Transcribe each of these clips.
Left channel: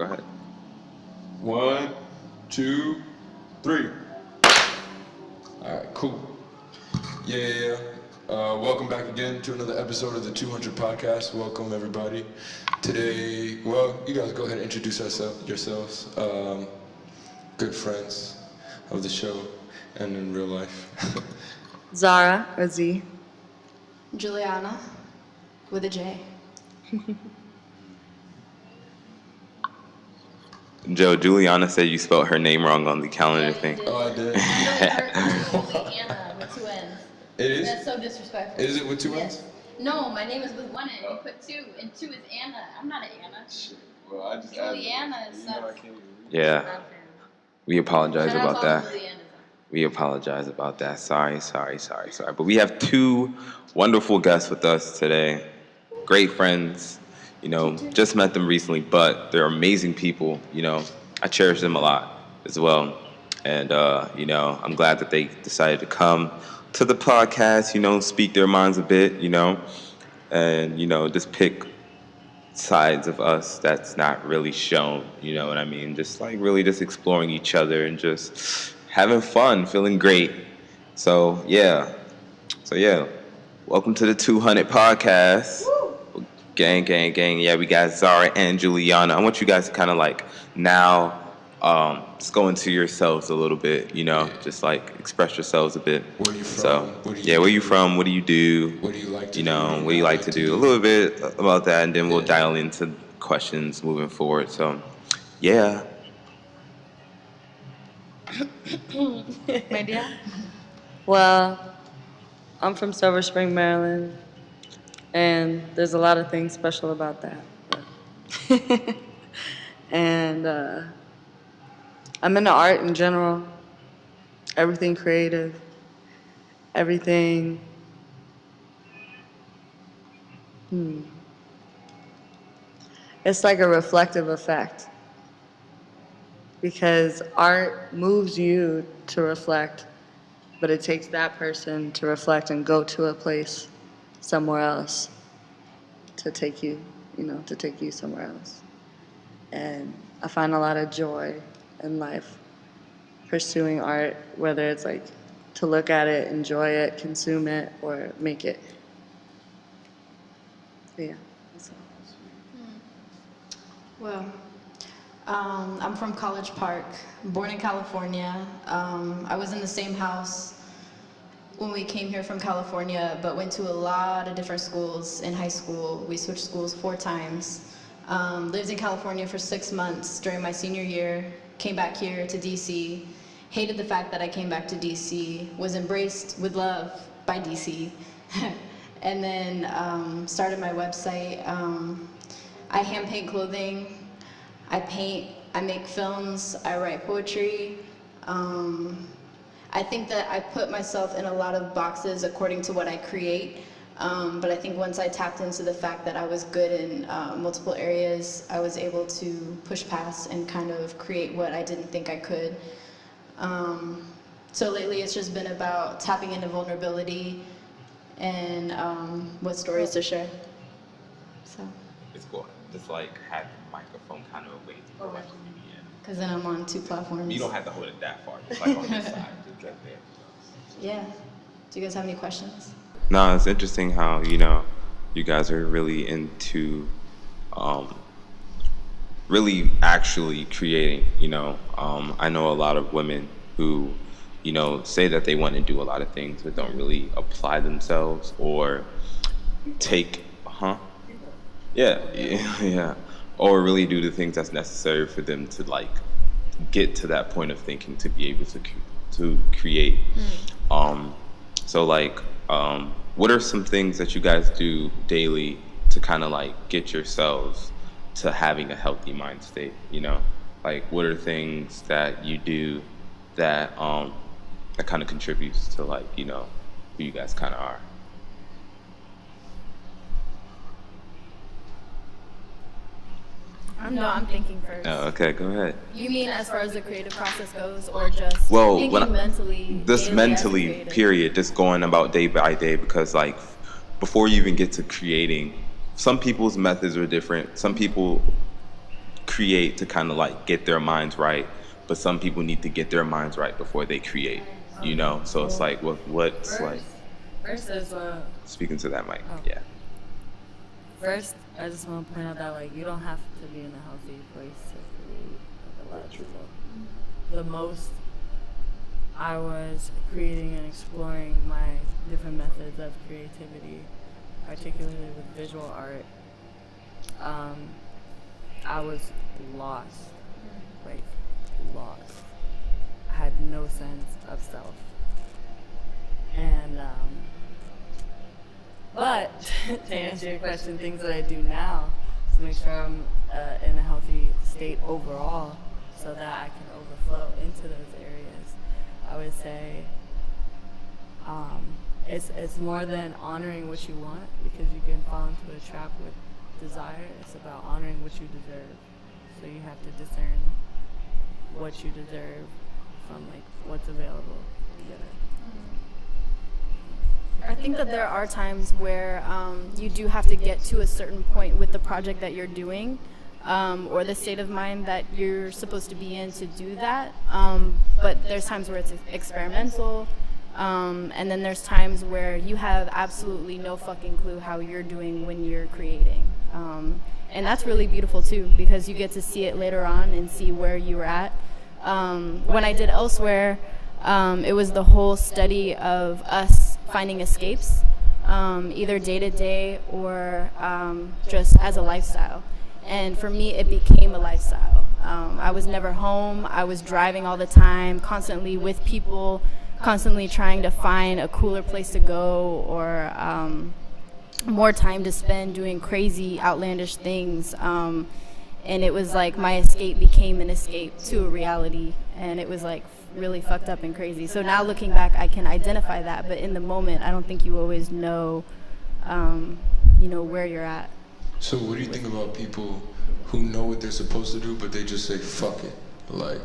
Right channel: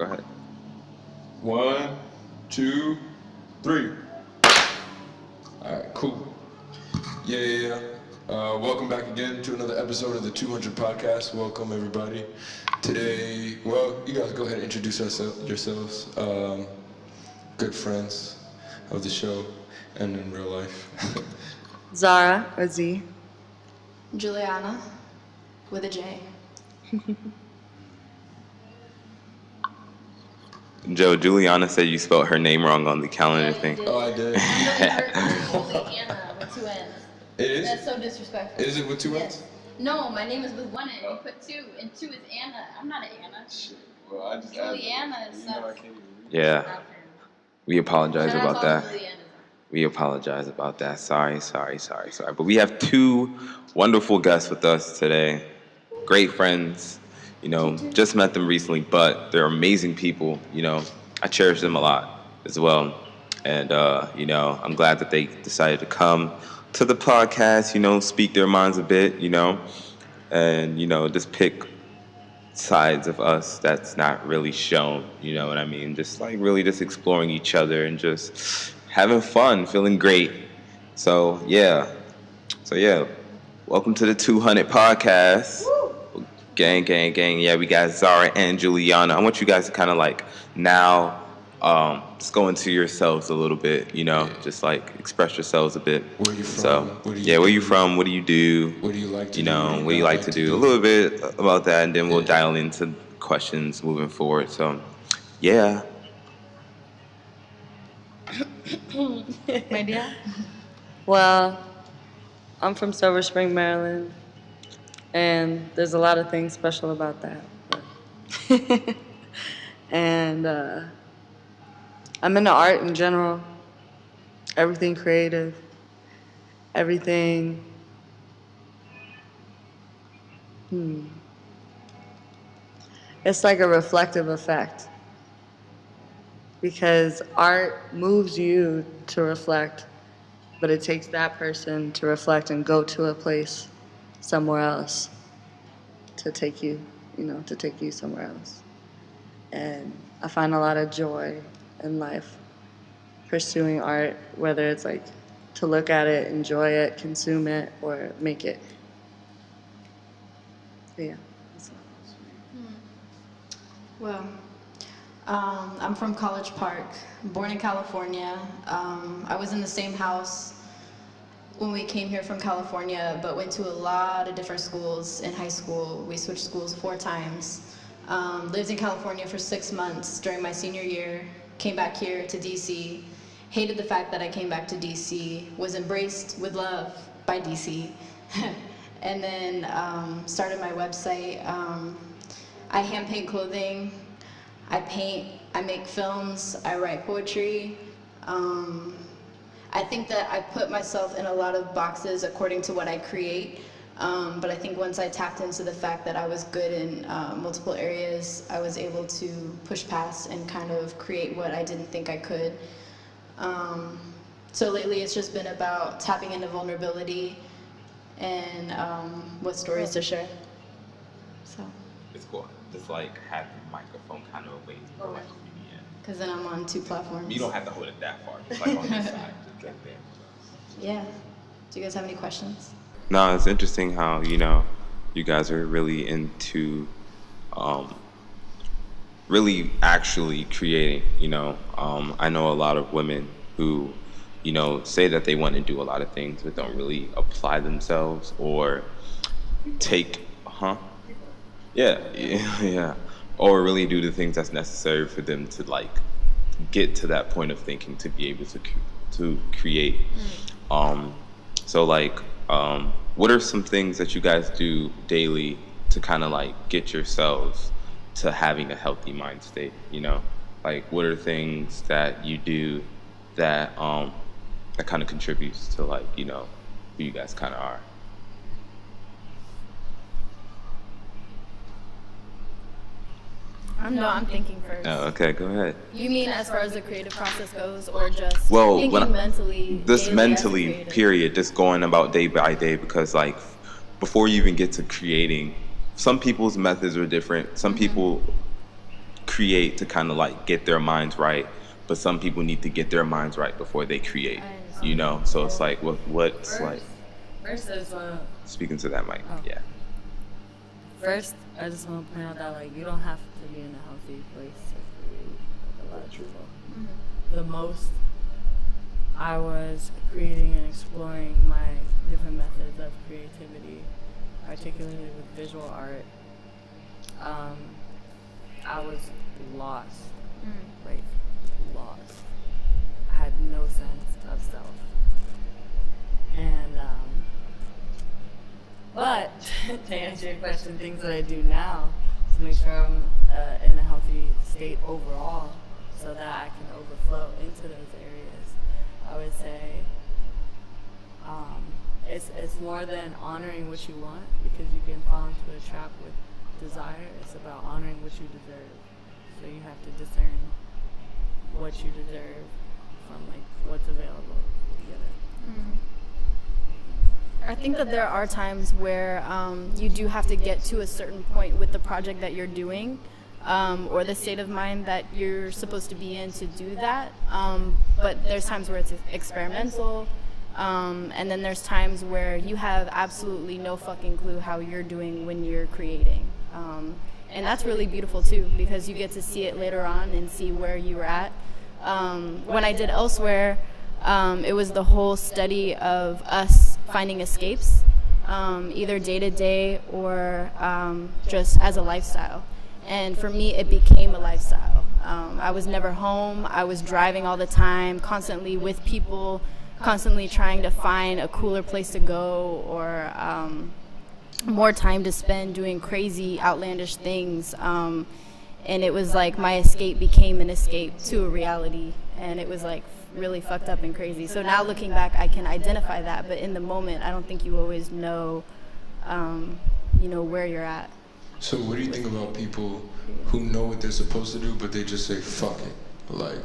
Go ahead. 1, 2, 3. All right, cool. Yeah. Welcome back again to another episode of the 200 Podcast. Welcome, everybody. Today, well, you guys go ahead and introduce yourselves. Good friends of the show and in real life. Zahreh, or Z. Juliana, with a J. Joe, Juliana said you spelled her name wrong on the calendar thing. Oh, I did. Juliana with 2 N's. It is? That's so disrespectful. Is it with 2 N's? Yes. No, my name is with 1 N. You put 2, and 2 is Anna. I'm not an Anna. Shit. Well, I just Juliana is not. I can't even read. Yeah. We apologize Shout out about to all that. the Julianas. We apologize about that. Sorry. But we have 2 wonderful guests with us today. Great friends. You know, just met them recently, but they're amazing people. You know, I cherish them a lot as well. And, you know, I'm glad that they decided to come to the podcast, you know, speak their minds a bit, you know, and, you know, just pick sides of us that's not really shown, you know what I mean? Just like really just exploring each other and just having fun, feeling great. So, yeah. Welcome to the 200 Podcast. Woo! Gang. Yeah, we got Zahreh and Juliana. I want you guys to kind of like now just go into yourselves a little bit, you know, just like express yourselves a bit. Where you from? So, where you from? What do you do? What do you like to you do? know, what do you like to do? A little bit about that, and then we'll dial into questions moving forward. So, yeah. My dear? Well, I'm from Silver Spring, Maryland, and there's a lot of things special about that. But and I'm into art in general, everything creative, everything. It's like a reflective effect, because art moves you to reflect, but it takes that person to reflect and go to a place somewhere else to take you, to take you somewhere else. And I find a lot of joy in life pursuing art, whether it's like to look at it, enjoy it, consume it, or make it. Yeah. Well, I'm from College Park, born in California. I was in the same house when we came here from California, but went to a lot of different schools in high school. We switched schools 4 times. Lived in California for 6 months during my senior year, came back here to DC, hated the fact that I came back to DC, was embraced with love by DC, and then started my website. I hand paint clothing, I paint, I make films, I write poetry. I think that I put myself in a lot of boxes according to what I create, but I think once I tapped into the fact that I was good in multiple areas, I was able to push past and kind of create what I didn't think I could. So lately it's just been about tapping into vulnerability and what stories to share. So. It's cool. Just like have the microphone kind of away to go like in. Because then I'm on 2 platforms. You don't have to hold it that far. Just like on this side. Just right there. Yeah. Do you guys have any questions? No, it's interesting how, you guys are really into really actually creating, I know a lot of women who, say that they want to do a lot of things but don't really apply themselves or take, Yeah. Or really do the things that's necessary for them to like get to that point of thinking to be able to create. So like, what are some things that you guys do daily to kind of like get yourselves to having a healthy mind state? Like what are things that you do that that kind of contributes to like who you guys kind of are? I'm thinking first. Oh, okay, go ahead. You mean as far as the creative process goes, or just Well, thinking mentally? This daily mentally, as a creative? period, just going about day by day, because like before you even get to creating, some people's methods are different. Some people create to kind of like get their minds right, but some people need to get their minds right before they create, you know? So it's like, what's like, First is speaking to that mic, Oh. yeah. first I just want to point out that like you don't have to be in a healthy place to create like a lot of people. The most I was creating and exploring my different methods of creativity, particularly with visual art. I was lost, like lost. I had no sense of self. And, but to answer your question, things that I do now to make sure I'm in a healthy state overall so that I can overflow into those areas, I would say it's more than honoring what you want, because you can fall into a trap with desire. It's about honoring what you deserve. So you have to discern what you deserve from like what's available together. I think that there are times where you do have to get to a certain point with the project that you're doing, or the state of mind that you're supposed to be in to do that. But there's times where it's experimental, and then there's times where you have absolutely no fucking clue how you're doing when you're creating. And that's really beautiful too, because you get to see it later on and see where you were at. When I did Elsewhere, it was the whole study of us finding escapes, either day to day or just as a lifestyle. And for me, it became a lifestyle. I was never home. I was driving all the time, constantly with people, constantly trying to find a cooler place to go or more time to spend doing crazy, outlandish things. And it was like my escape became an escape to a reality. And it was like really fucked up and crazy. So now looking back, I can identify that. But in the moment, I don't think you always know, where you're at. So what do you think about people who know what they're supposed to do, but they just say, fuck it? Like,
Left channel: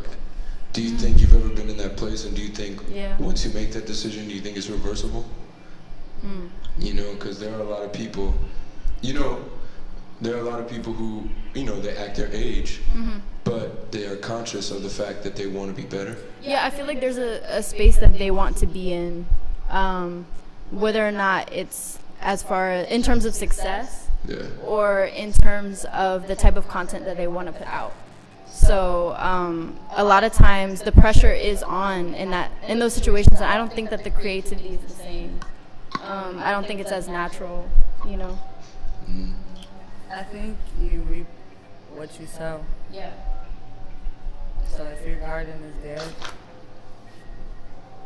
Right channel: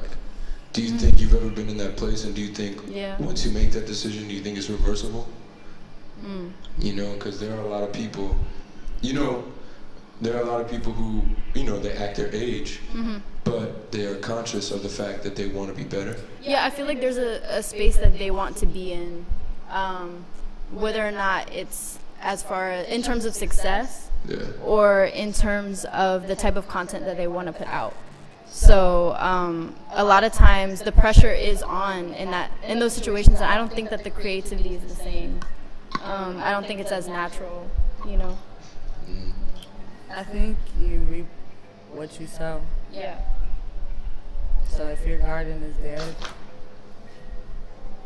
do you think you've ever been in that place? And do you think once you make that decision, do you think it's reversible? You know, because there are a lot of people, there are a lot of people who, they act their age, but they are conscious of the fact that they want to be better. Yeah, I feel like there's a space that they want to be in, whether or not it's as far in terms of success or in terms of the type of content that they want to put out. So a lot of times the pressure is on in those situations, and I don't think that the creativity is the same. I don't think it's as natural, I think you reap what you sow. Yeah. So if your garden is dead,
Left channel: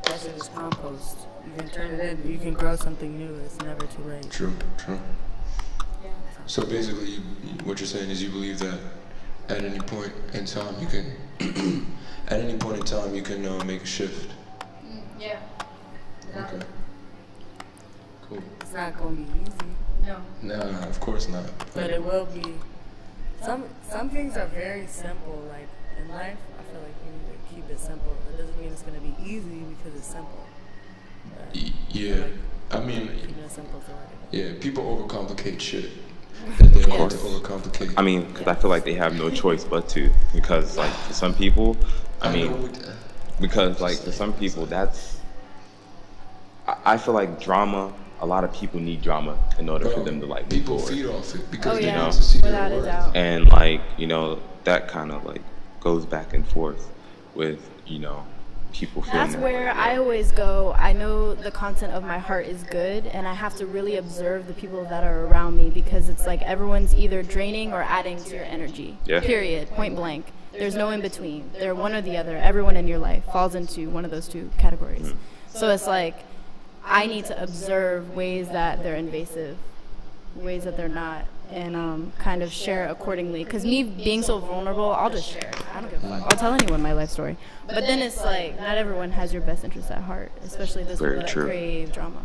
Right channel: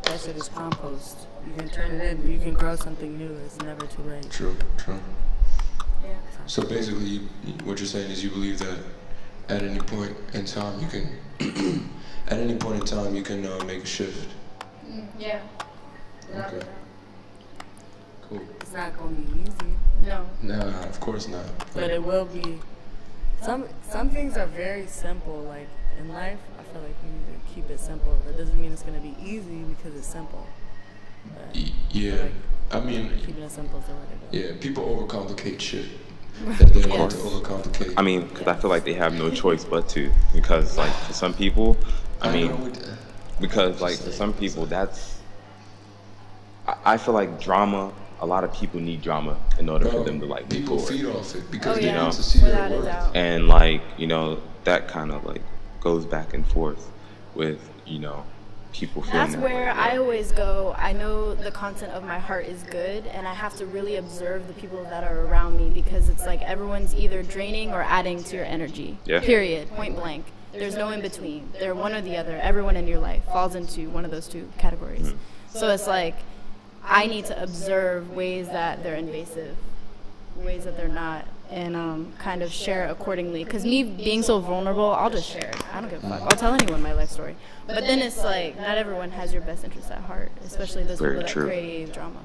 that shit is compost. You can turn it in. You can grow something new. It's never too late. True. Yeah. So basically, what you're saying is you believe that at any point in time you can, make a shift. Yeah. Okay. Cool. It's not going to be easy, No. Nah, of course not. but it will be. Some things are very simple. Like in life, I feel like you need to keep it simple. That doesn't mean it's going to be easy because it's simple. But I Yeah. feel like I mean, keeping it simple is the way to go. yeah, people overcomplicate shit that they don't want to course. overcomplicate. I mean, because I feel like they have no choice but to. Because, like, for some people, because, like, for some people, I feel like drama, a lot of people need drama in order for them to, like, move people forward. feed off it because Oh, they yeah. need to see Without their a worth. doubt. And, like, that kind of, like, goes back and forth with, people feeling That's that where way. I always go, I know the content of my heart is good, and I have to really observe the people that are around me, because it's like everyone's either draining or adding to your energy. Yeah. Period. Point blank. There's no in between. They're one or the other. Everyone in your life falls into one of those two categories. So it's like I need to observe ways that they're invasive, ways that they're not, and kind of share accordingly. Because me being so vulnerable, I'll just share it. I don't give a fuck. I'll tell anyone my life story. But then it's like, not everyone has your best interest at heart, especially those Very people that true. crave drama.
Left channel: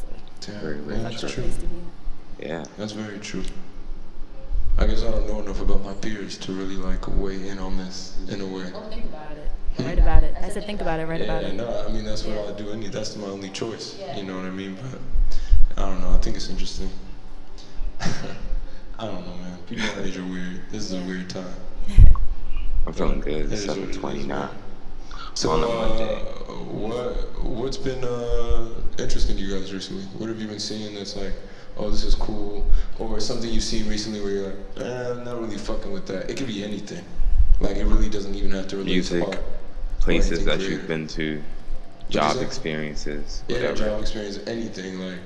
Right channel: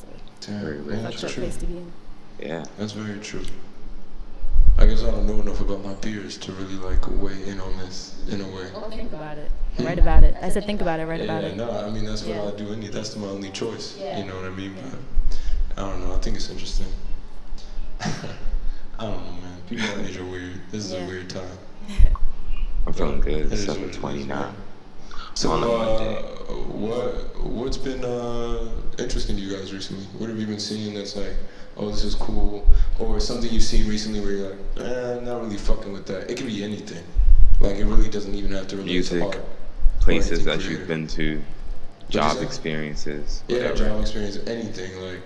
So Damn, Very, yeah, very that's that's a true. place to be in. Yeah. That's very true. I guess I don't know enough about my peers to really like weigh in on this in a way. Well, think about it. Write about it. I said think about it, write Yeah, about it. no, I mean that's what Yeah. I do. That's my only choice. Yeah. You know what I mean? But I don't know. I think it's interesting. I don't know, man. People our age are weird. This is a weird time. I'm feeling good. It's It is what it is, 7:20 now. So, On a Monday. what's been interesting to you guys recently? What have you been seeing that's like, oh, this is cool, or something you've seen recently where you're like, I'm not really fucking with that. It could be anything. Like, it really doesn't even have to relate to Music, art. places that creative. you've been to, job experiences, Yeah, whatever. job experience, anything, like,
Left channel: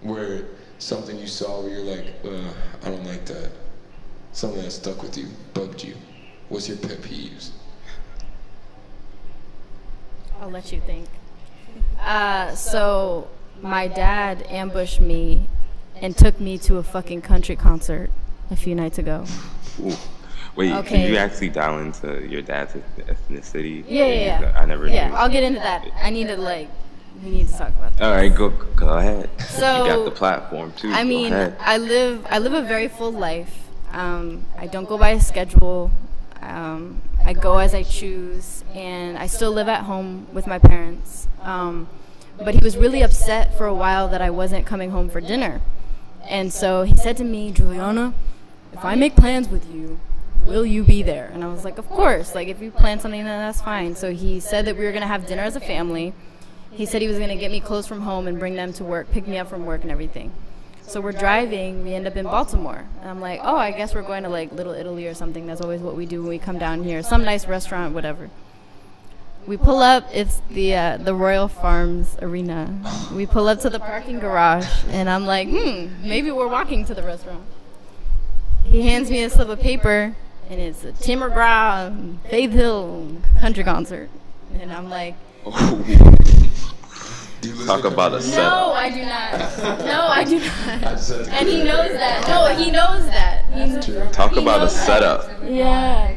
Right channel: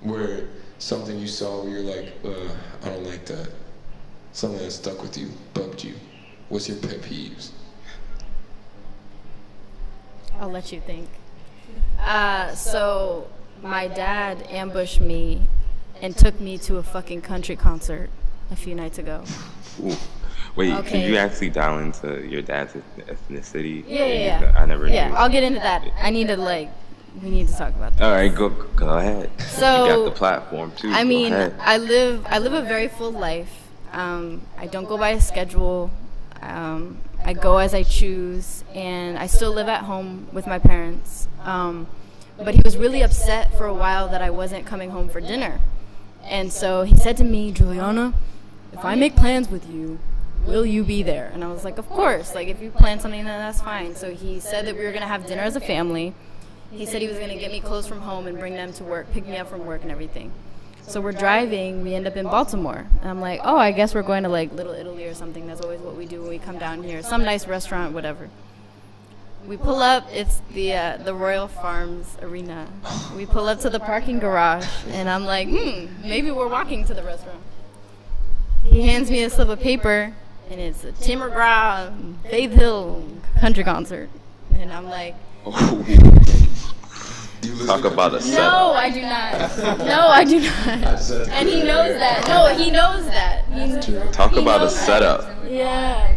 where something you saw where you're like, I don't like that. Something that stuck with you, bugged you. What's your pet peeves? I'll let you think. So my dad ambushed me and took me to a fucking country concert a few nights ago. Ooh. Wait, can Okay. you actually dial into your dad's ethnicity? Yeah. I never knew. Yeah, I'll get into that. We need to talk about that. All right, go ahead. So, you got the platform too. I mean, go ahead. I live a very full life. I don't go by a schedule. I go as I choose, and I still live at home with my parents. But he was really upset for a while that I wasn't coming home for dinner. And so he said to me, Juliana, if I make plans with you, will you be there? And I was like, of course. Like, if you plan something, then that's fine. So he said that we were going to have dinner as a family. He said he was going to get me clothes from home and bring them to work, pick me up from work and everything. So we're driving, we end up in Baltimore. And I'm like, oh, I guess we're going to like Little Italy or something. That's always what we do when we come down here. Some nice restaurant, whatever. We pull up, it's the Royal Farms Arena. We pull up to the parking garage, and I'm like, maybe we're walking to the restaurant. He hands me a slip of paper, and it's a Tim McGraw, Faith Hill country concert. And I'm like, Talk about a no, setup. I do not. No, I do not. And he knows that. No, he knows that. Talk about a knows that. setup. Yeah.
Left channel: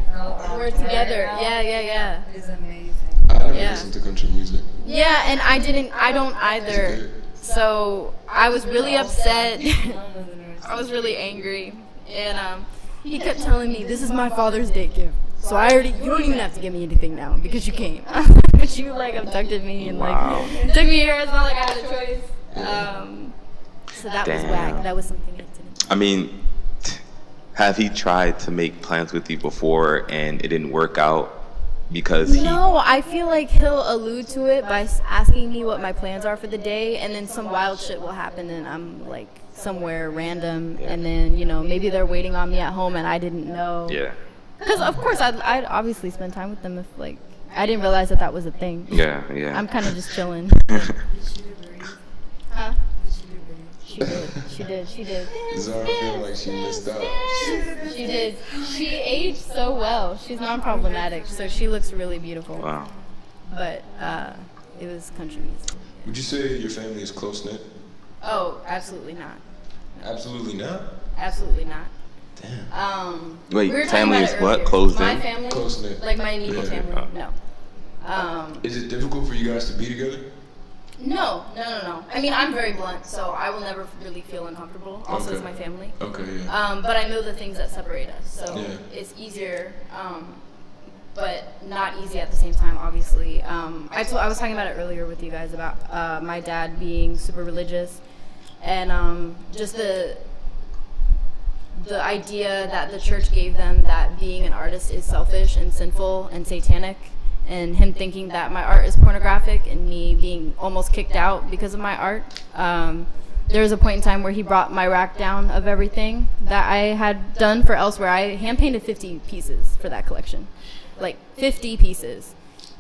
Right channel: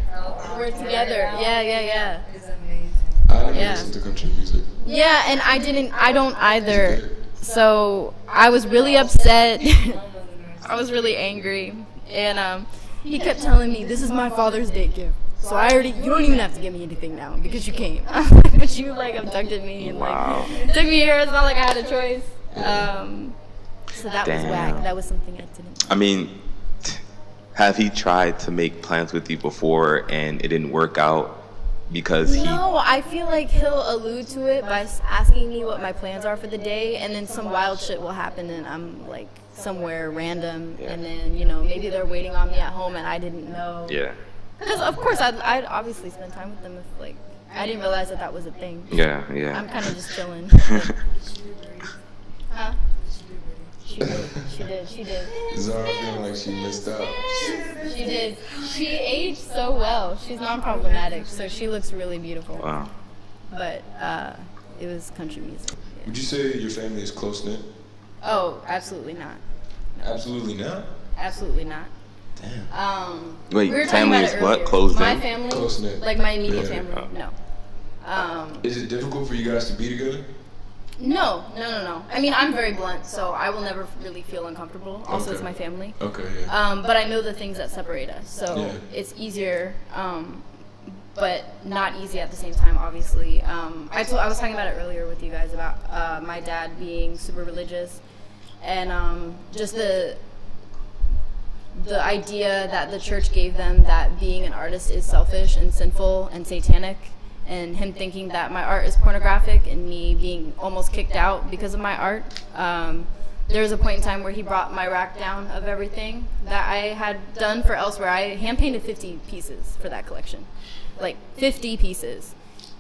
We're together. Yeah. It's amazing. I never Yeah. listened to country music. Yeah, and I don't either. So I was really upset. I was really angry. And he kept telling me, this is my Father's Day gift. So you don't even have to give me anything now because you came. But you like abducted me and Wow. like took me here. It's not like I had a choice. So that was Damn. whack. That was something I didn't. I mean, have he tried to make plans with you before and it didn't work out because he? No, I feel like he'll allude to it by asking me what my plans are for the day, and then some wild shit will happen, and I'm like somewhere random, and then maybe they're waiting on me at home, and I didn't know. Yeah. Because of course I'd obviously spend time with them if like I didn't realize that was a thing. Yeah. I'm kind of just chilling. Huh? She did. Zara feeling like she missed out. She did. She aged so well. She's non-problematic, so she looks really beautiful. Wow. But it was country music. Would you say your family is close-knit? Oh, absolutely not. Absolutely not. Absolutely not. Damn. Wait, we were talking family about is it what? earlier. Closed My in? family, Close-knit. like my immediate Yeah. family, no. Is it difficult for you guys to be together? No. I mean, I'm very blunt, so I will never really feel uncomfortable. Also, Okay. it's my family. Okay, yeah. But I know the things that separate us, so Yeah. it's easier, but not easy at the same time, obviously. I was talking about it earlier with you guys about my dad being super religious, and just the idea that the church gave them that being an artist is selfish and sinful and satanic, and him thinking that my art is pornographic and me being almost kicked out because of my art. There was a point in time where he brought my rack down of everything that I had done for elsewhere. I hand painted 50 pieces for that collection, like 50 pieces.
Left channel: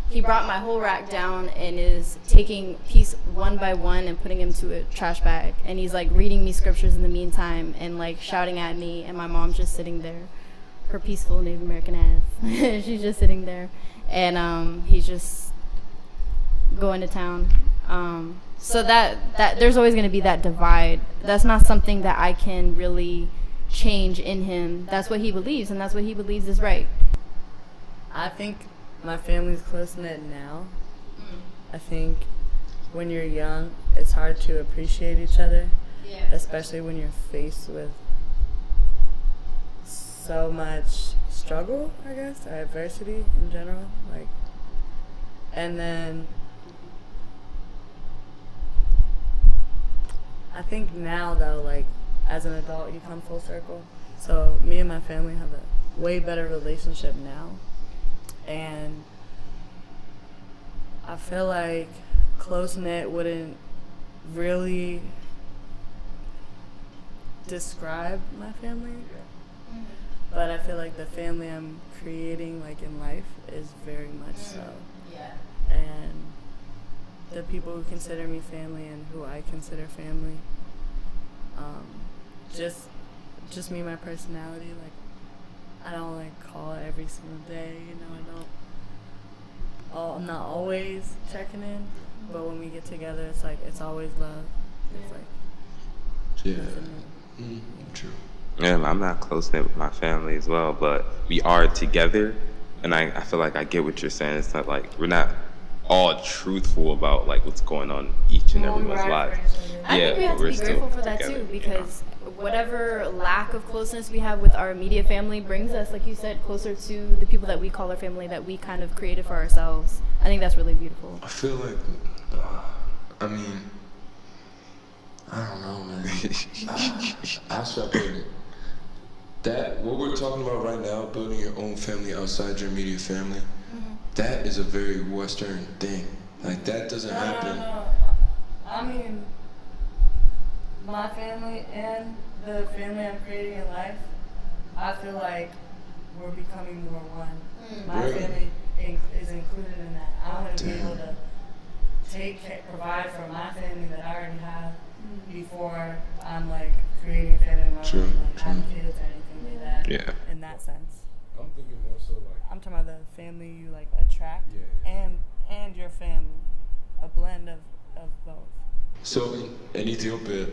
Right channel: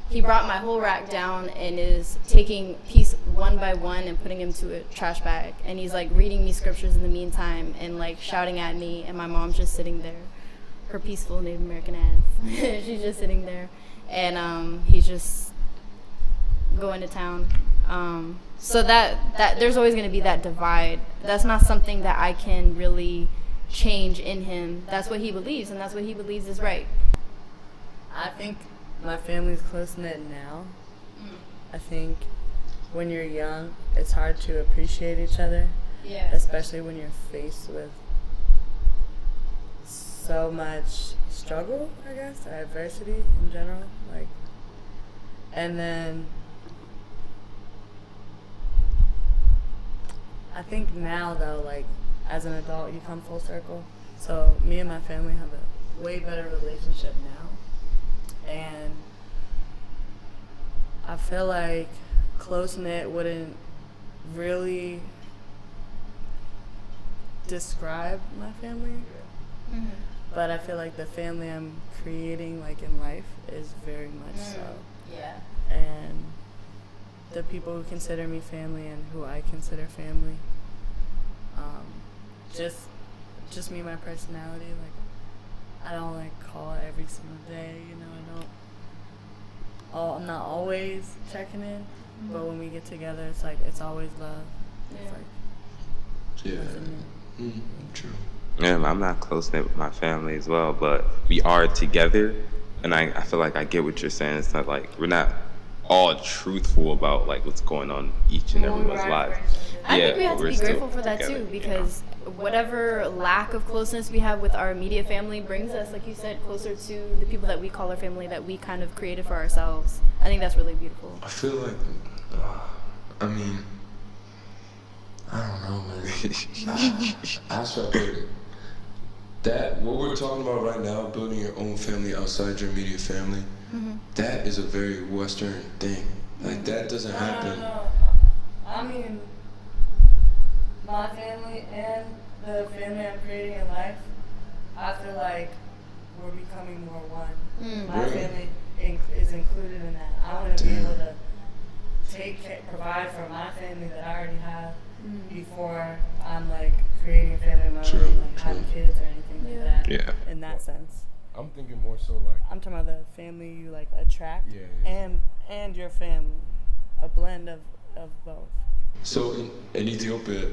He brought my whole rack down and is taking piece one by one and putting them to a trash bag. And he's like reading me scriptures in the meantime and like shouting at me. And my mom's just sitting there, her peaceful Native American ass. She's just sitting there. And he's just going to town. So that there's always going to be that divide. That's not something that I can really change in him. That's what he believes, and that's what he believes is right. I think my family's close-knit now. I think when you're young, it's hard to appreciate each other, especially when you're faced with so much struggle, I guess, or adversity in general. And then I think now, though, as an adult, you come full circle. So me and my family have a way better relationship now. And I feel like close-knit wouldn't really describe my family. Mm-hmm. But I feel like the family I'm creating, like, in life is very much so. Yeah. And the people who consider me family and who I consider family, just me, my personality, like, I don't, like, call every single day, you know, I'm not always checking in, but when we get together, it's like, it's always love. It's like, nothing new. True. Yeah, I'm not close-knit with my family as well, but we are together, and I feel like I get what you're saying. It's not like we're not all truthful about, like, what's going on in each and everyone's lives. I think we have to be grateful for that too, because whatever lack of closeness we have with our immediate family brings us, like you said, closer to the people that we call our family, that we kind of created for ourselves. I think that's really beautiful. I feel like, I mean, I don't know, man. I start putting that, what we're talking about right now, building your own family outside your immediate family, that is a very Western thing. Like, that doesn't happen. No. I mean, my family and the family I'm creating in life, I feel like we're becoming more one. My family is included in that. I want to be able to provide for my family that I already have before I'm, like, creating a family of my own, like having kids or anything like that. Yeah. In that sense. I'm thinking more so like, I'm talking about the family you, like, attract and your family. A blend of both. so in Ethiopia,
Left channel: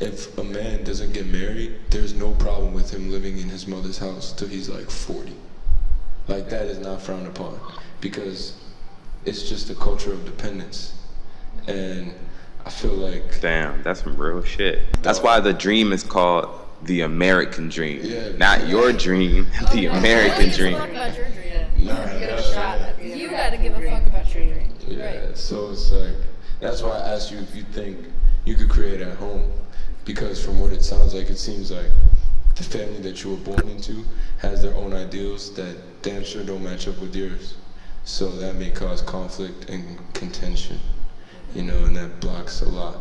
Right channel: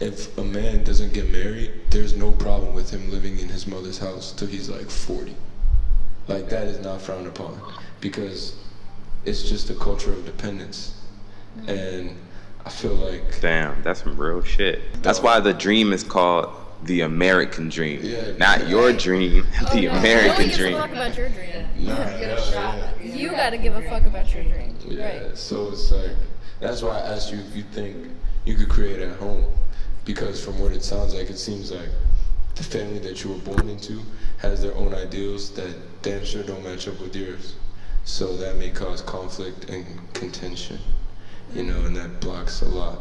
if a man doesn't get married, there's no problem with him living in his mother's house till he's like 40. Like, that is not frowned upon, because it's just a culture of dependence. And I feel like, Damn, that's some real shit. That's why the dream is called the American dream. Not your dream, the American dream. You gotta give a fuck about your dream. You gotta give a fuck about your dream. Yeah, Right. so it's like, that's why I asked you if you think you could create at home, because from what it sounds like, it seems like the family that you were born into has their own ideals that damn sure don't match up with yours. So that may cause conflict and contention, you know, and that blocks a lot,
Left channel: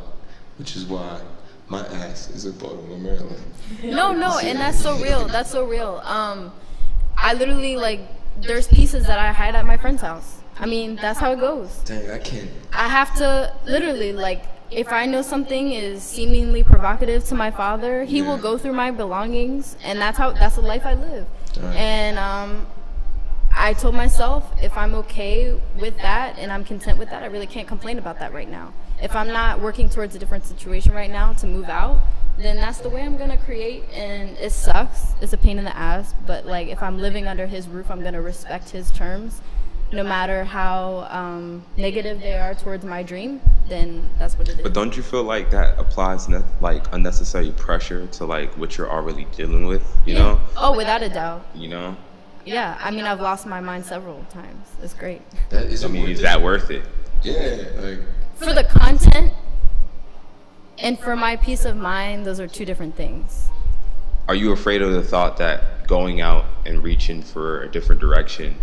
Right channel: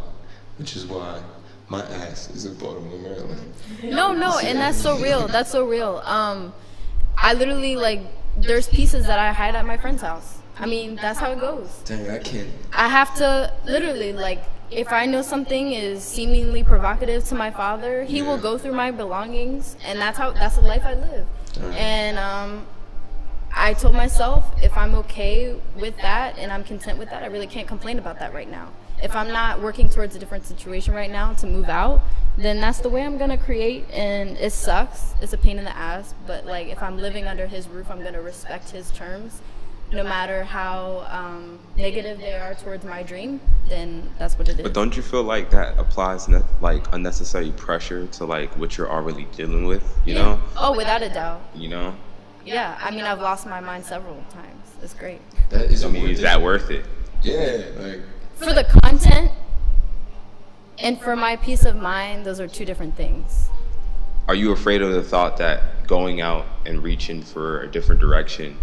which is why my ass is in Baltimore, Maryland. No, and that's so real. That's so real. I literally, like, there's pieces that I hide at my friend's house. I mean, that's how it goes. Dang, I can't. I have to literally, like, if I know something is seemingly provocative to my father, he will go through my belongings, and that's the life I live. Right. And I told myself, if I'm okay with that and I'm content with that, I really can't complain about that right now. If I'm not working towards a different situation right now to move out, then that's the way I'm gonna create. And it sucks, it's a pain in the ass, but, like, if I'm living under his roof, I'm gonna respect his terms, no matter how negative they are towards my dream. Then that's what it is. But don't you feel like that applies like unnecessary pressure to, like, what you're already dealing with, you know? Oh, without a doubt. You know? Yeah, I mean, I've lost my mind several times. It's great. That is, I mean, is that worth it? Yeah, like, For the content and for my peace of mind, those are two different things. Are you afraid of the thought that going out and reaching for a different direction,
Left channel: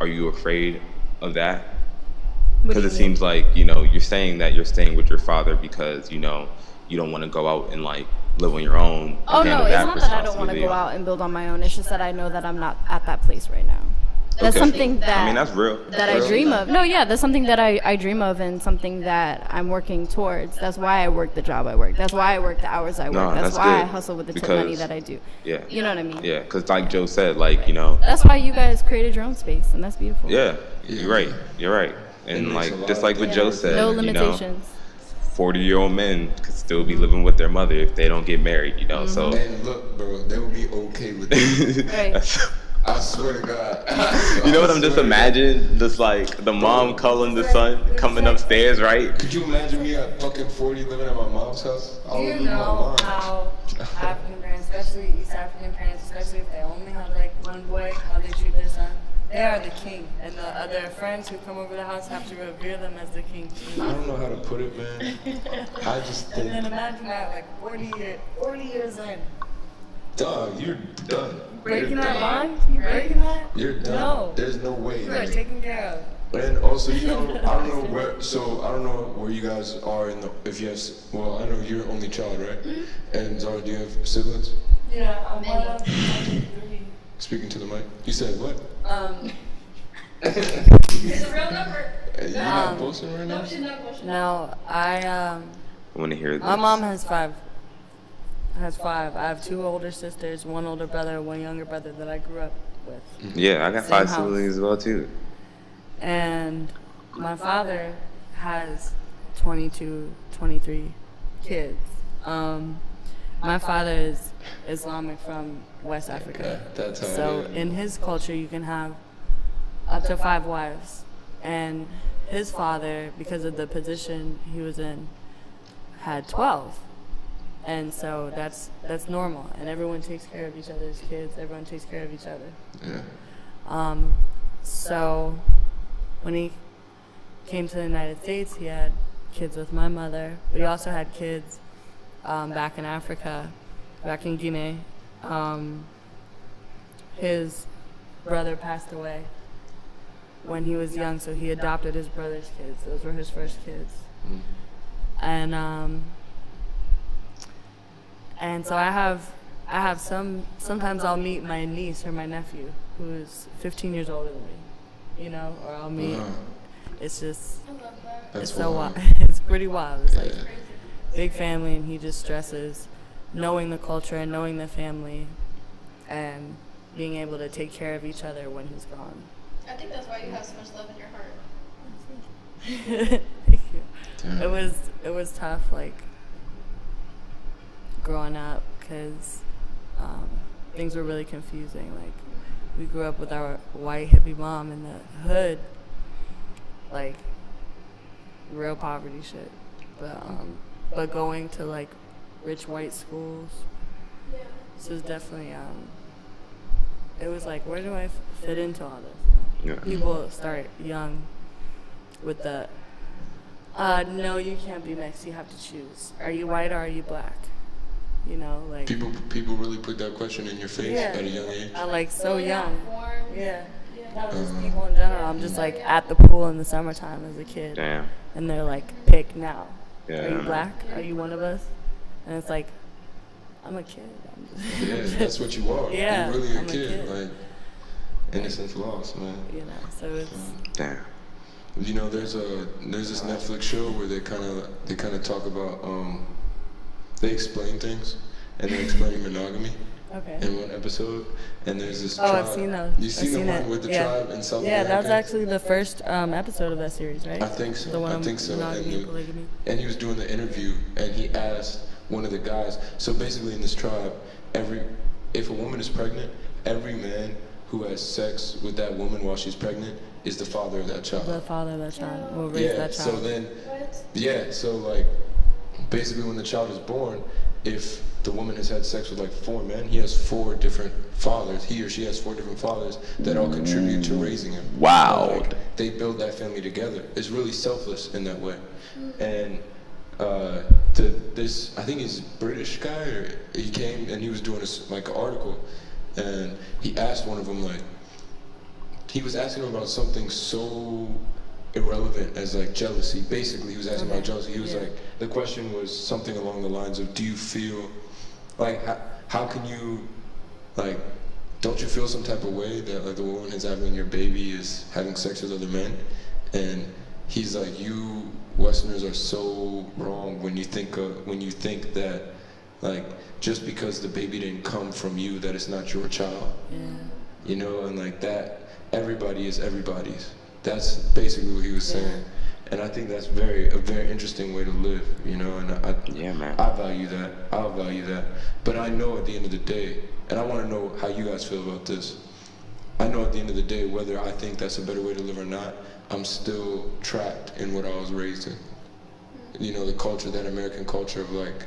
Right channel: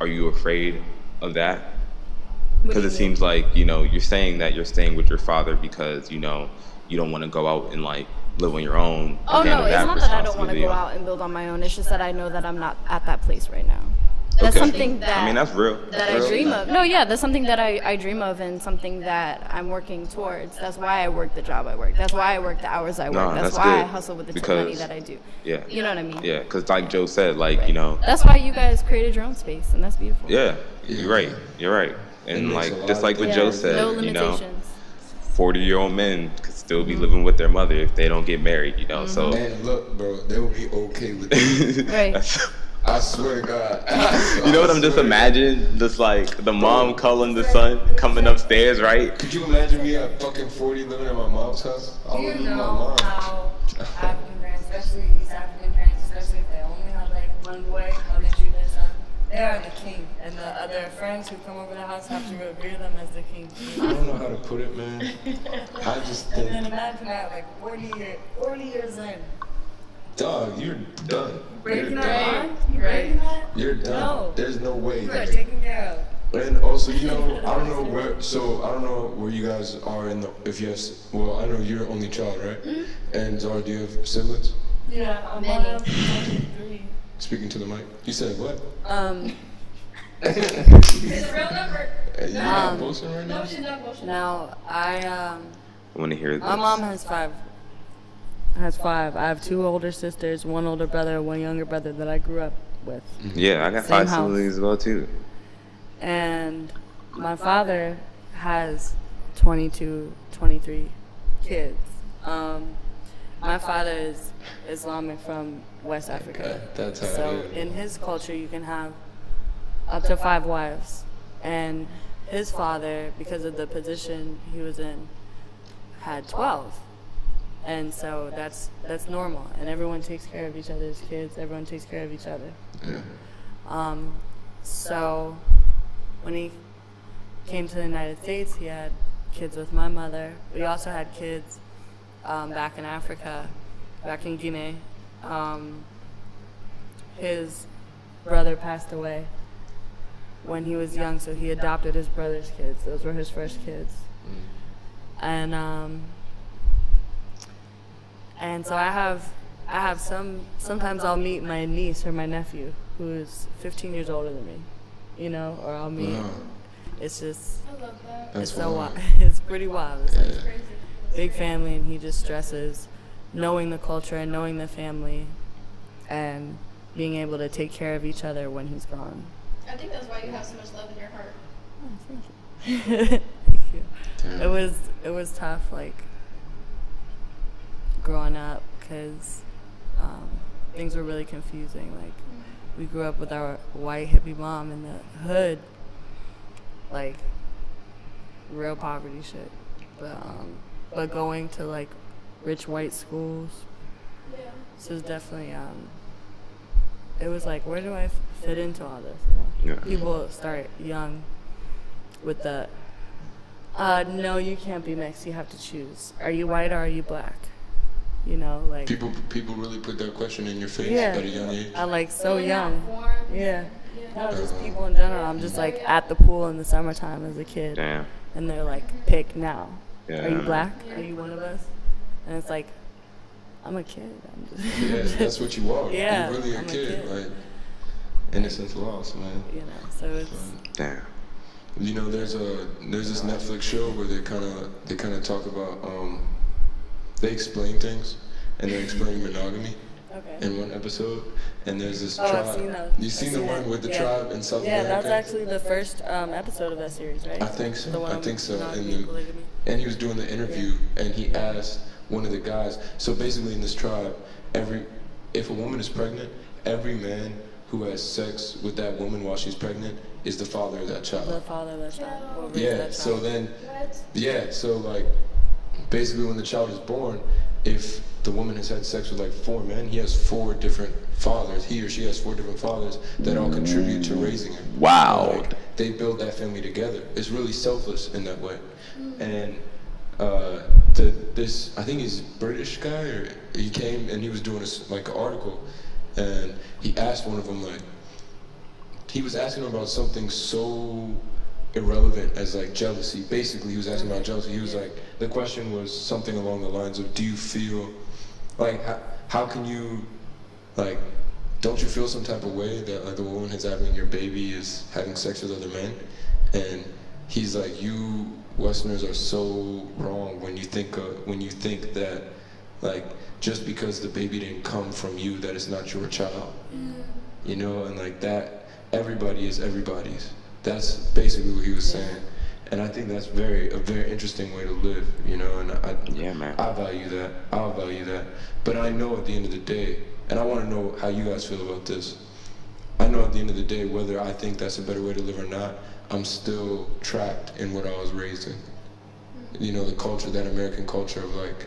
are you afraid of that? Because it seems like, you know, you're saying that you're staying with your father because, you know, you don't want to go out and, like, live on your own. Oh, no, it's not that I don't want to go out and build on my own. It's just that I know that I'm not at that place right now. That's something that, I mean, that's real. I dream of. No, yeah, that's something that I dream of, and something that I'm working towards. That's why I work the job I work. That's why I work the hours I work. No, that's why I hustle with the tip money that I do. Yeah. You know what I mean? Yeah, because like Joe said, like, you know. That's why you guys created your own space, and that's beautiful. Yeah, you're right. You're right. And, like, just like what Joe said, no you know, limitations. 40-year-old men could still be living with their mother if they don't get married, you know. So. And look, bro, they will be okay with that. Right. I swear to God. You know what I'm just imagining? Just like the mom calling the son coming upstairs, right? Could you imagine me at fucking 40 living at my mom's house? I Do would you leave my know mom. how African parents, especially East African parents, especially if they only have, like, one boy, how they treat their son? They are the king, and the other friends who come over the house have to revere them as the king. I don't know how to put it, man. I just And then think, imagine that, like 40 years in. dog, you're done. Breaking You're that done. bond? You breaking that? You're done. No. There's no way. You are taken care of. And also, you know, I don't know where you guys are in the, if you have, well, I know you're only child, right? Mm-hmm. And Zahreh, do you have siblings? Yeah, I'm one of 3. Speaking to the mic. You said what? It's a real number. You not boasting right now? No, she's not bullshit. No, I want to hear this. my mom has 5. I have 2 older sisters, 1 older brother, 1 younger brother that I grew up with. Yeah, I got Same 5 house. siblings as well too. And my father has 22, 23 kids. My father is Islamic from West Africa. That's how So it is. in his culture, you can have up to 5 wives. And his father, because of the position he was in, had 12. And so that's normal. And everyone takes care of each other's kids. Everyone takes care of each other. Yeah. So when he came to the United States, he had kids with my mother. But he also had kids back in Africa, back in Guinea. His brother passed away when he was young, so he adopted his brother's kids. Those were his first kids. And so I have sometimes I'll meet my niece or my nephew who's 15 years older than me, you know, or I'll meet. Wow. It's just, I love that. That's it's so wild. wild. It's pretty wild. It's like Yeah. Crazy. big family, and he just stresses knowing the culture and knowing the family and being able to take care of each other when he's gone. I think that's why you have so much love in your heart. Thank you. Damn. It was tough, like growing up, because things were really confusing. Like we grew up with our white hippie mom in the hood, like real poverty shit. But going to like rich white schools, Yeah. this was definitely it was like, where do I fit into all this? You know? Yeah. People start young with the no, you can't be mixed, you have to choose. Are you white or are you black? You know, like People really put that question in your face Yeah. at a young age. I like so Filling out young. forms. Yeah. Yeah. Not just people in general. I'm just like at the pool in the summertime as a kid. Damn. And they're like, pick now. Yeah. Are you black? Are you one of us? And it's like, I'm a kid. I'm just Yeah, that's what you are. Yeah, You're really a I'm a kid. kid. Like, innocence lost, man. you know, so it's Damn. You know, there's this Netflix show where they kind of talk about they explain things, and they explain monogamy okay. in one episode. And there's this Oh, tribe. I've seen those. You've seen the one with the yeah. tribe in South Yeah, America? that was actually the first episode of that series, right? I think so. The one I on think so. monogamy and polygamy. And he was doing the interview, and he asked one of the guys. So basically, in this tribe, if a woman is pregnant, every man who has sex with that woman while she's pregnant is the father of that child. The father of that child will raise Yeah. that child. So then, so like, basically, when the child is born, if the woman has had sex with like 4 men, he has 4 different fathers. He or she has 4 different fathers that all contribute to raising him. Wow. Like, they build that family together. It's really selfless in that way. And this, I think he's a British guy, or he came and he was doing like an article, and he asked one of them, like, he was asking him about something so irrelevant as like jealousy. Basically, he was asking about jealousy. He was like, the question was something along the lines of, do you feel like, how can you, like, don't you feel some type of way that like the woman who's having your baby is having sex with other men? And he's like, you Westerners are so wrong when you think that like just because the baby didn't come from you, that it's not your child. You know, and like that, everybody is everybody's. That's basically what he was saying. And I think that's a very interesting way to live, you know, and Yeah, man. I value that. I'll value that. But I know at the end of the day, and I want to know how you guys feel about this. I know at the end of the day, whether I think that's a better way to live or not, I'm still trapped in what I was raised in. You know, the culture, that American culture of like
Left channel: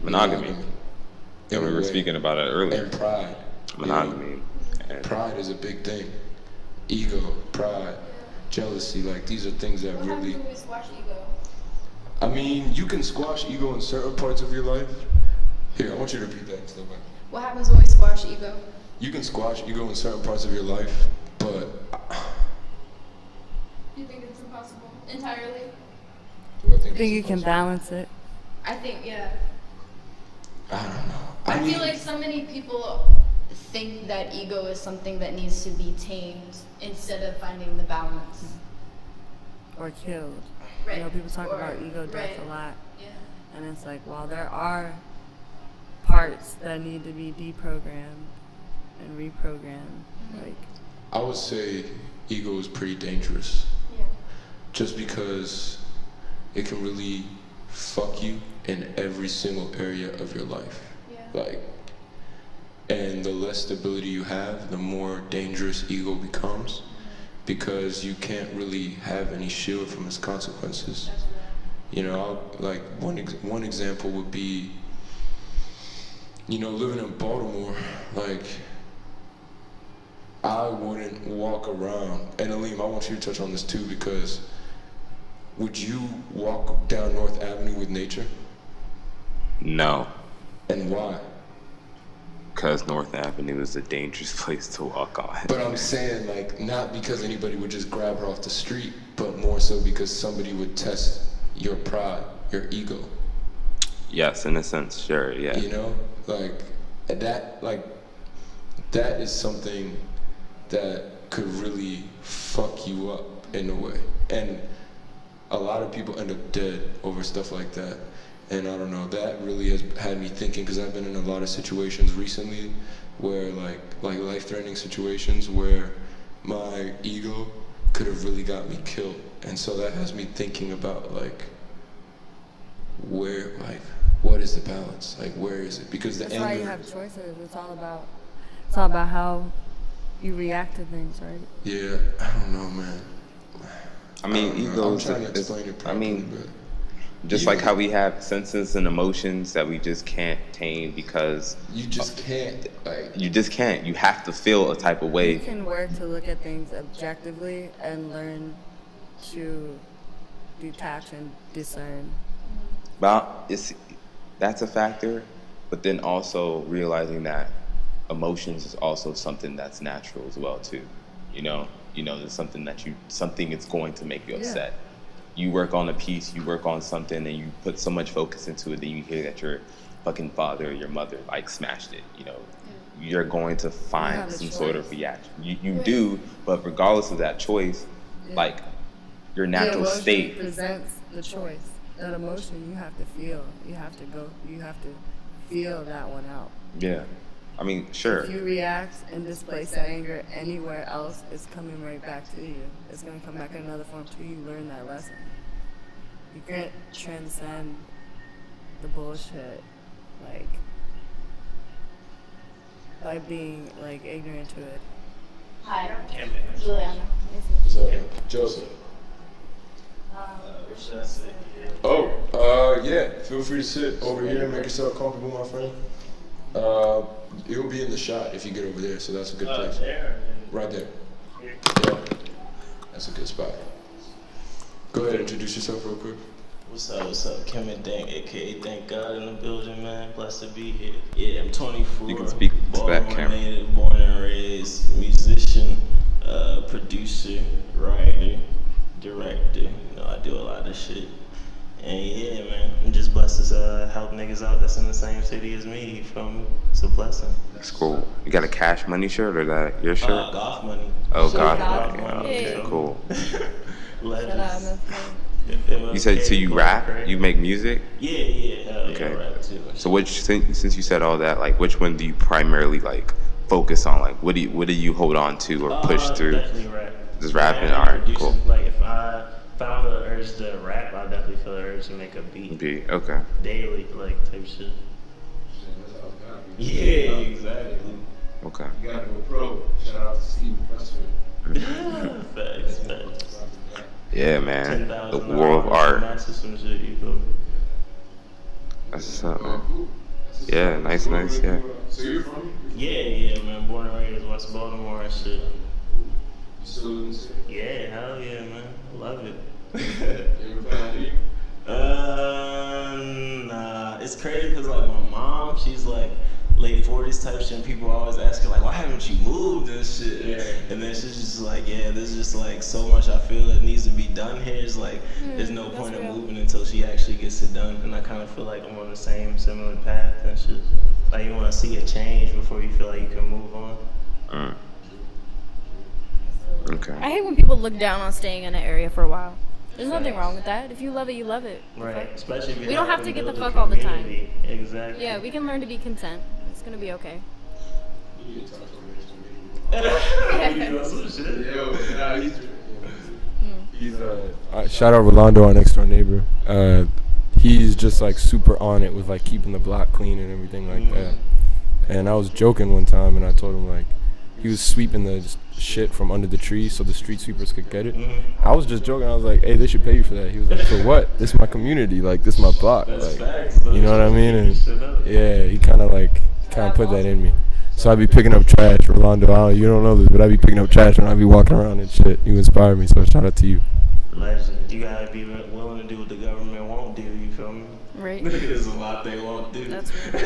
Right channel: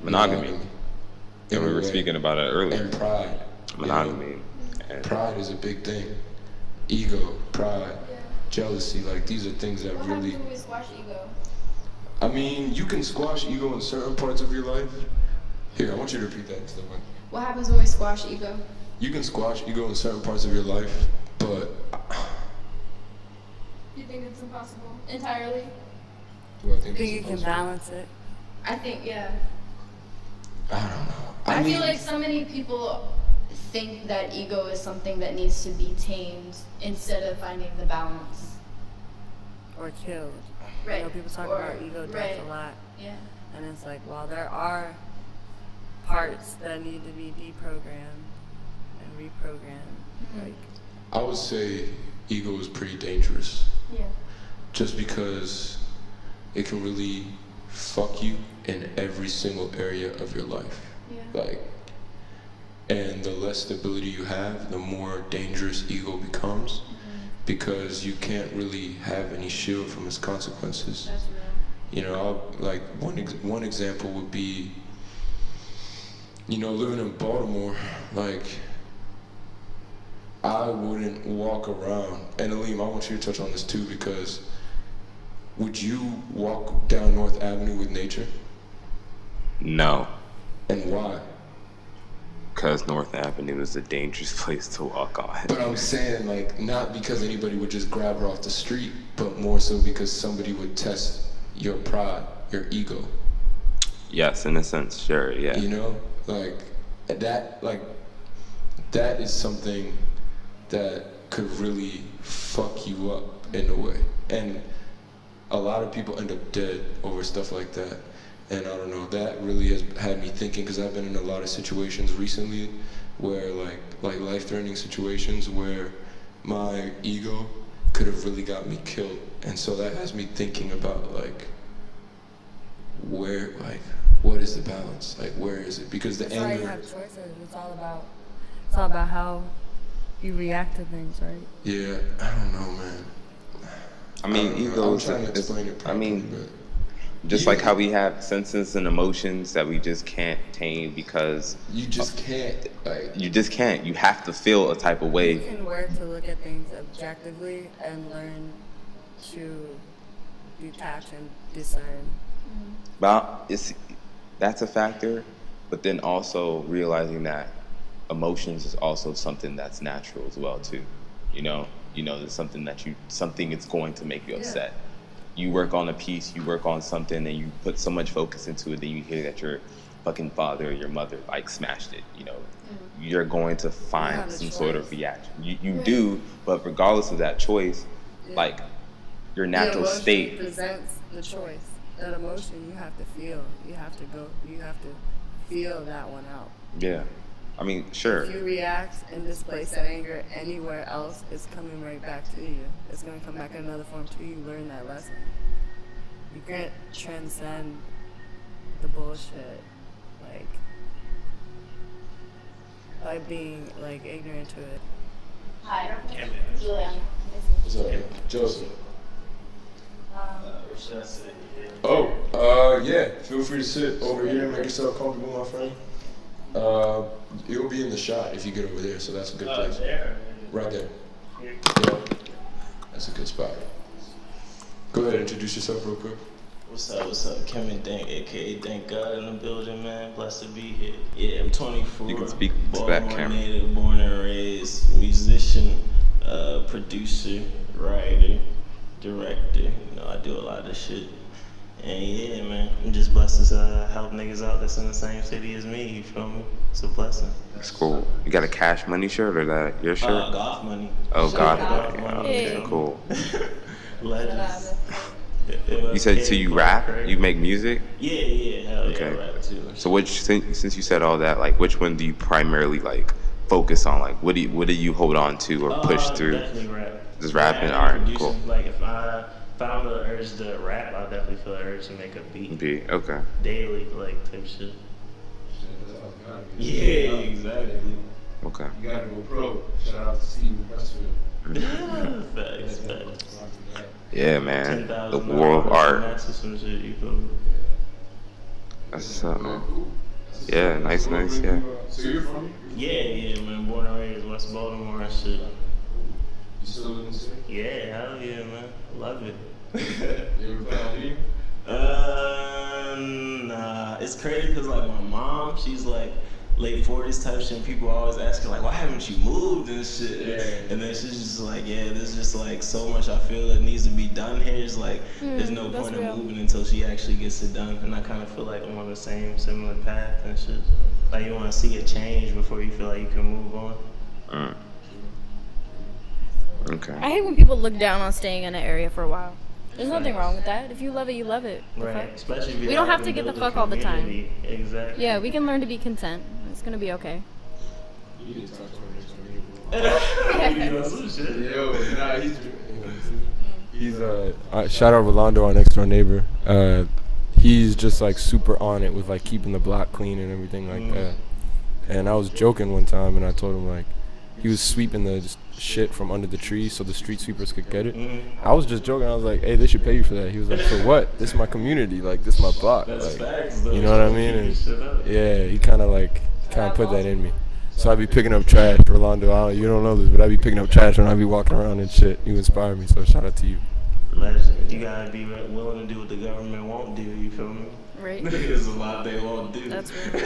Monogamy. in And we a were way. speaking about it earlier. And pride. you know. Monogamy. And Pride is a big thing. ego, pride, Yeah. jealousy. Like, these are things that What really. happens when we squash ego? I mean, you can squash ego in certain parts of your life. Here, I want you to repeat that instead. What happens when we squash ego? You can squash ego in certain parts of your life, but You think it's impossible entirely? do I think I think it's you can impossible? balance it. I think, yeah. I don't know. I mean, feel like so many people think that ego is something that needs to be tamed instead of finding the balance. Or killed. Right. You know, people talk Or- about ego death right. a lot. Yeah. And it's like, well, there are parts that need to be deprogrammed and reprogrammed. Like, I would say ego is pretty dangerous. Yeah. Just because it can really fuck you in every single area of your life. Yeah. Like, and the less stability you have, the more dangerous ego becomes, because you can't really have any shield from its consequences. That's real. You know, like one example would be, you know, living in Baltimore. Like, I wouldn't walk around, and Alim, I want you to touch on this too, because would you walk down North Avenue with nature? No, And why? because North Avenue is a dangerous place to walk on. But I'm saying, like, not because anybody would just grab her off the street, but more so because somebody would test your pride, your ego. Yes, in a sense, sure, yeah. You know, like that is something that could really fuck you up in a way. And a lot of people end up dead over stuff like that. And I don't know, that really has had me thinking, because I've been in a lot of situations recently where like life-threatening situations where my ego could have really got me killed. And so that has me thinking about like where, like, what is the balance? Like, where is it? Because the that's why you anger. have choices. It's all about how you react to things, right? Yeah, I don't know, man. I mean, I don't know. ego I'm is, trying to explain it I properly, mean, but just you- like how we have senses and emotions that we just can't tame because you just can't, like, you just can't. You have to feel a type of You way. can work to look at things objectively and learn to detach and discern. But that's a factor, but then also realizing that emotions is also something that's natural as well too. You know, there's something something is going to make you upset. You work on a piece, you work on something, and you put so much focus into it, then you hear that your fucking father or your mother like smashed it. You know, you're going to have find a some sort of choice. reaction. You do, but regardless of that choice, like your natural the emotion state. presents the choice. That emotion you have to feel. You have to feel that one out. Yeah, I mean, sure. If you react and displace that anger anywhere else, it's coming right back to you. It's going to come back in another form till you learn that lesson. You can't transcend the bullshit, like, by being, like, ignorant to it. Hi, Juliana. what's up, man? Joseph. Yeah. Feel free to sit over here, make yourself comfortable, my friend. You'll be in the shot if you get over there, so that's a good place. Right there. Yeah. That's a good spot. Go ahead, introduce yourself real quick. What's up? Kevin Dank, aka Thank God in the building, man. Blessed to be here. Yeah, I'm 24. You can speak to that Baltimore camera. native, born and raised, musician, producer, writer, director. You know, I do a lot of shit. And yeah, man, I'm just blessed to help niggas out that's in the same city as me. You feel me? It's a blessing. It's cool. You got a Cash Money shirt or that your shirt? Golf money. Oh, God. God. Money. Oh, okay, cool. Legends. You said so you rap? You make music? Yeah, hell yeah, Okay. I rap too. So since you said all that, like which one do you primarily like focus on? Like what do you hold on to or push through? Definitely rap. Just rapping? All right, producing. cool. Like if I found the urge to rap, I'll definitely feel the urge to make a beat Okay. daily, like type shit. Yeah, exactly. Okay. You gotta go pro. Shout out to Steve Pressfield. Facts. Yeah, man. The 10,000 world of art. Master some shit, you feel me? That's what's up, man. Yeah, nice, yeah. So you're from? Yeah, man. Born and raised West Baltimore and shit. You still live in the city? Yeah, hell yeah, man. I love it. You ever plan on leaving? Nah. It's crazy because like my mom, she's like late 40s type shit, and people always ask her like, why haven't you moved and shit? Yeah. And then she's just like, yeah, there's just like so much I feel that needs to be done here. It's like there's no point in moving until she actually gets it done. And I kind of feel like I'm on the similar path and shit. Like you want to see a change before you feel like you can move on. Okay. I hate when people look down on staying in an area for a while. There's nothing wrong with that. If you love it, you love it. Right. Especially if you We don't have to get the fuck all the time. community. Exactly. Yeah, we can learn to be content. It's gonna be okay. You can talk to her. You know some shit. Yo, nah, he's shout out Rolando, our next door neighbor. He's just like super on it with like keeping the block clean and everything like that. And I was joking one time, and I told him like he was sweeping the shit from under the trees so the street sweepers could get it. I was just joking. I was like, hey, they should pay you for that. He was like, for what? This is my community. Like, this is my block. That's like, facts, though. you know what I mean? And yeah, he kind of put that in me. So I'd be picking up trash. Rolando, you don't know this, but I'd be picking up trash when I'd be walking around and shit. You inspired me, so shout out to you. Legend. You gotta be willing to do what the government won't do. You feel me? Right. There's a lot they won't do. That's real.